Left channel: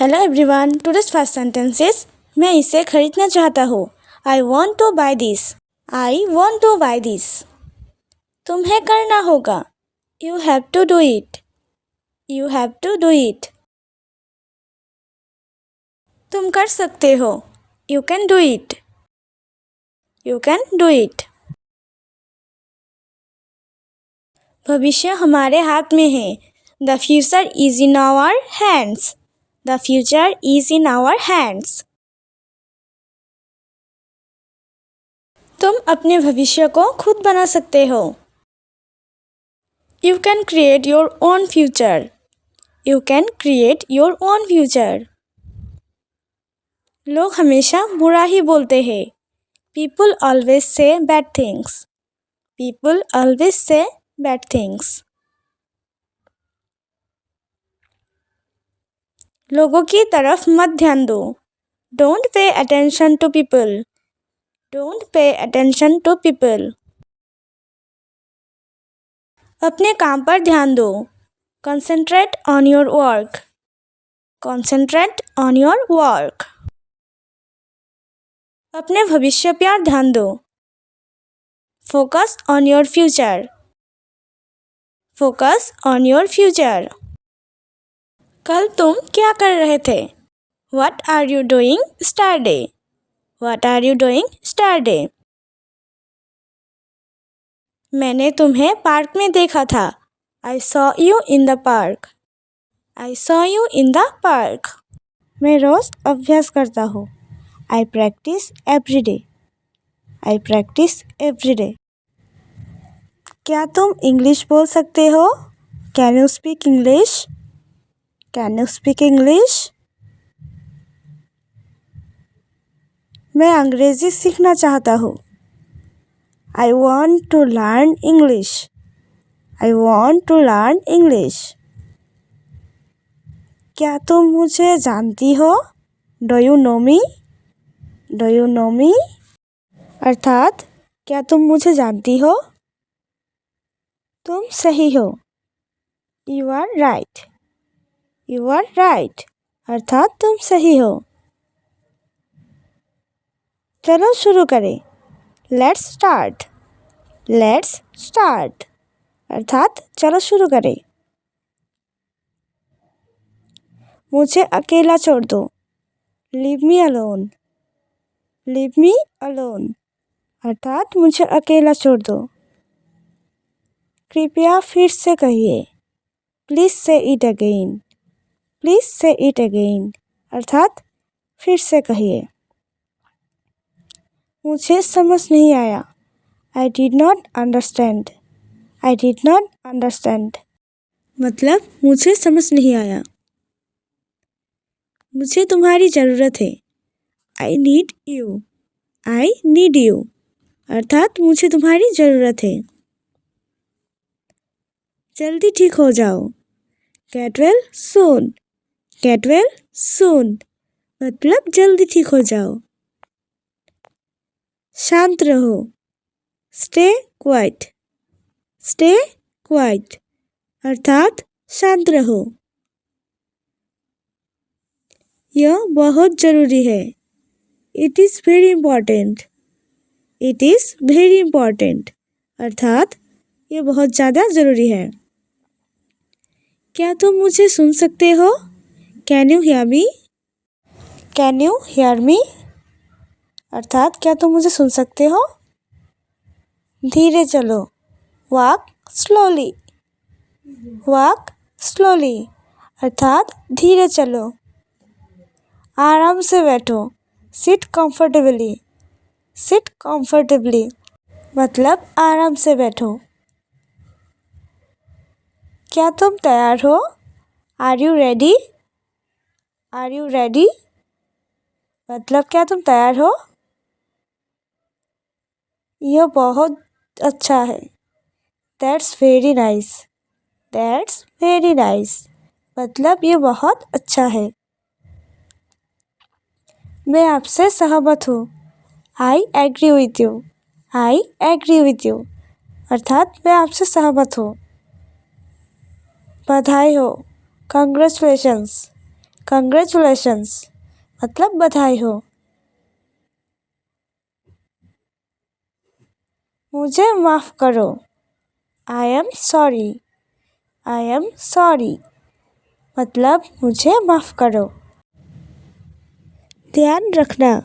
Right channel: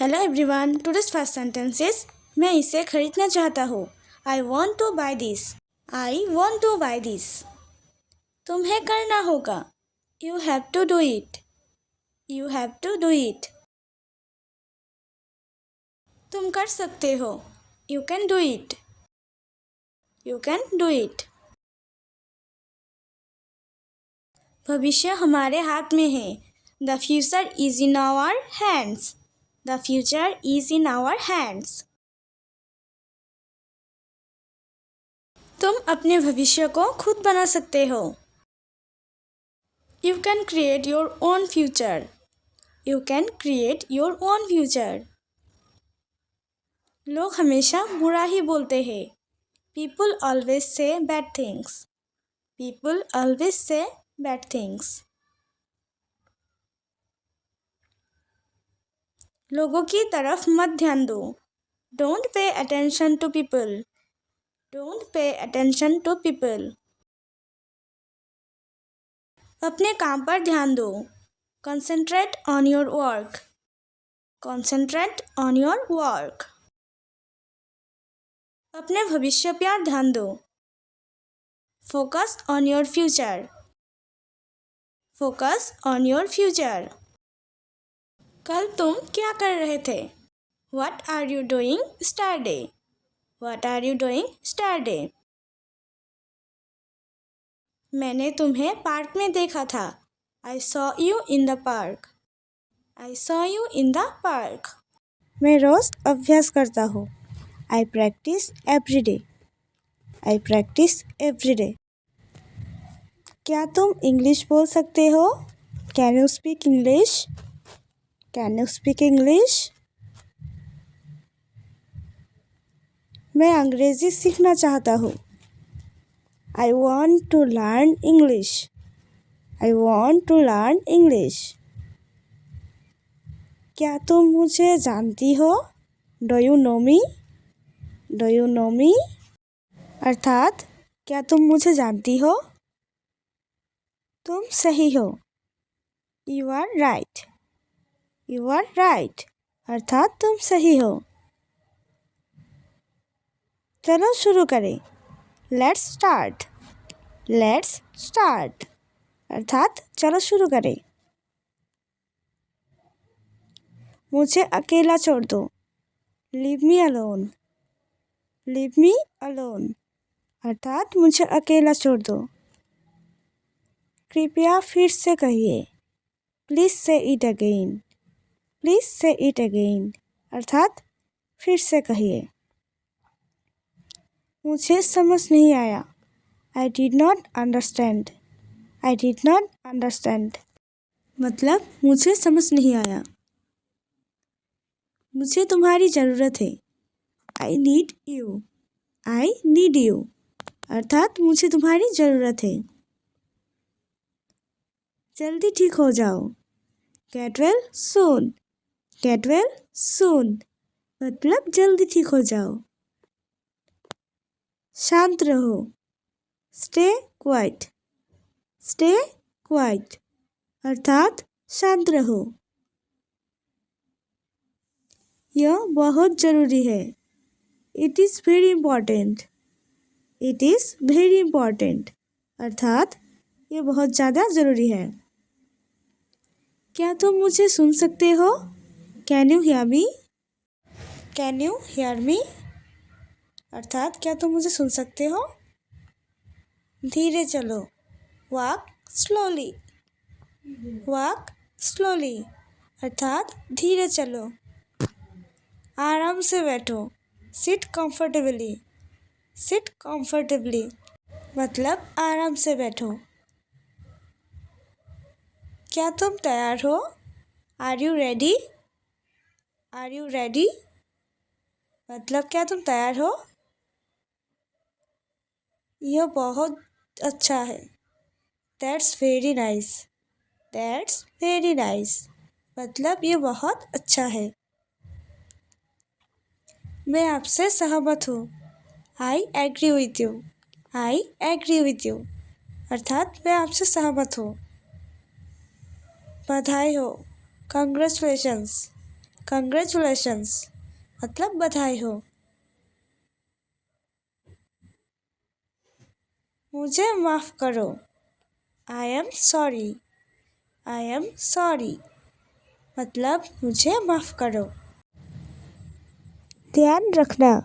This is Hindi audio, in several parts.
Hello everyone, today's first sentences. मैं इसे खरीदना चाहता हूँ। I want to buy this. I want to buy this. तुम्हें करना होगा। You have to do it. You have to do it. तुम कर सकते हो। You can do it. You can do it. भविष्य हमारे हाथ में है। The future is in our hands. The future is in our hands. तुम अपने भविष्य को खुद बना सकते हो। You can create your own future. You can create your own future. लोग हमेशा बुरा ही बोलते हैं। People always say bad things. People always say bad things. लोगों की तरफ मत ध्यान दो। Don't pay attention to people. Don't pay attention to people. अपने काम पर ध्यान दो। Concentrate on your work. Concentrate on your work. अपने भविष्य पर ध्यान दो। Focus on your future. Focus on your future. कल तुम क्या कर रहे थे? What are you doing yesterday? What are you doing yesterday? मैंने तुम्हें पार्क में देखा था। I saw you in the park. I saw you in the park. मैं रोज अभ्यास करता हूँ। I practice every day. I practice every day. क्या तुम इंग्लिश बोल सकते हो? Can you speak English? Can you speak English? मैं अंग्रेजी सीखना चाहता हूँ। I want to learn English. I want to learn English. क्या तुम मुझे जानती हो? Do you know me? Do you know me? अर्थात क्या तुम मुझे जानती हो? तुम सही हो। You are right. You are right. अर्थात तुम सही हो। चलो शुरू करें। Let's start. Let's start. अर्थात चलो शुरू करें। मुझे अकेला छोड़ दो। Leave me alone. Leave me alone. अर्थात मुझे अकेला छोड़ दो। कृपया फिर से कहिए। Please say it again. Please say it again. अर्थात फिर से कहिए। मुझे समझ नहीं आया। I did not understand. I did not understand. मतलब मुझे समझ नहीं आया। मुझे तुम्हारी ज़रूरत है। I need you. I need you. अर्थात मुझे तुम्हारी ज़रूरत है। जल्दी ठीक हो जाओ। Get well soon. Get well soon. मतलब जल्दी ठीक हो जाओ। शांत रहो। Stay quiet. Stay quiet. अर्थात शांत रहो। यह बहुत ज़रूरी है। It is very important. It is very important. अर्थात यह बहुत ज़्यादा ज़रूरी है। क्या तुम मुझे सुन सकते हो? Can you hear me? Can you hear me? अर्थात क्या तुम मुझे सुन सकते हो? धीरे चलो। Walk slowly. Walk slowly. अर्थात धीरे चलो। आराम से बैठो। Sit comfortably. Sit comfortably. मतलब आराम से बैठो। क्या तुम तैयार हो? Are you ready? Are you ready? मतलब क्या तुम तैयार हो? यह बहुत अच्छा है। That's very nice. That's very nice. मतलब ये बहुत अच्छा है। मैं आपसे सहमत हूँ। I agree with you. I agree with you. अर्थात मैं आपसे सहमत हूँ। बधाई हो। Congratulations. कंग्रेचुलेशंस मतलब बधाई हो। मुझे माफ़ करो। I am sorry. I am sorry मतलब मुझे माफ़ करो। ध्यान रखना।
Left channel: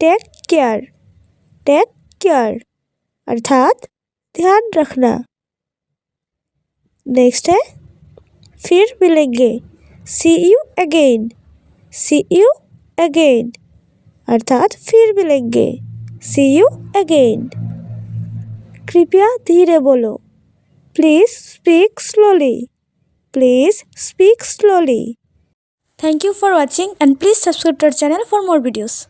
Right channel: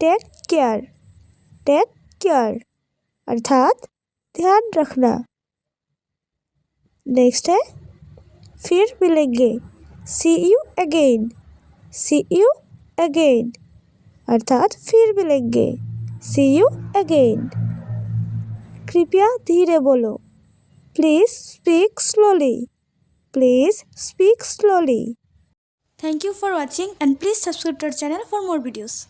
Take care. टेक केयर अर्थात ध्यान रखना। नेक्स्ट है फिर मिलेंगे। See you again. See you again अर्थात फिर मिलेंगे। See you again. कृपया धीरे बोलो। Please speak slowly. Please speak slowly. Thank you for watching and please subscribe to our channel for more videos.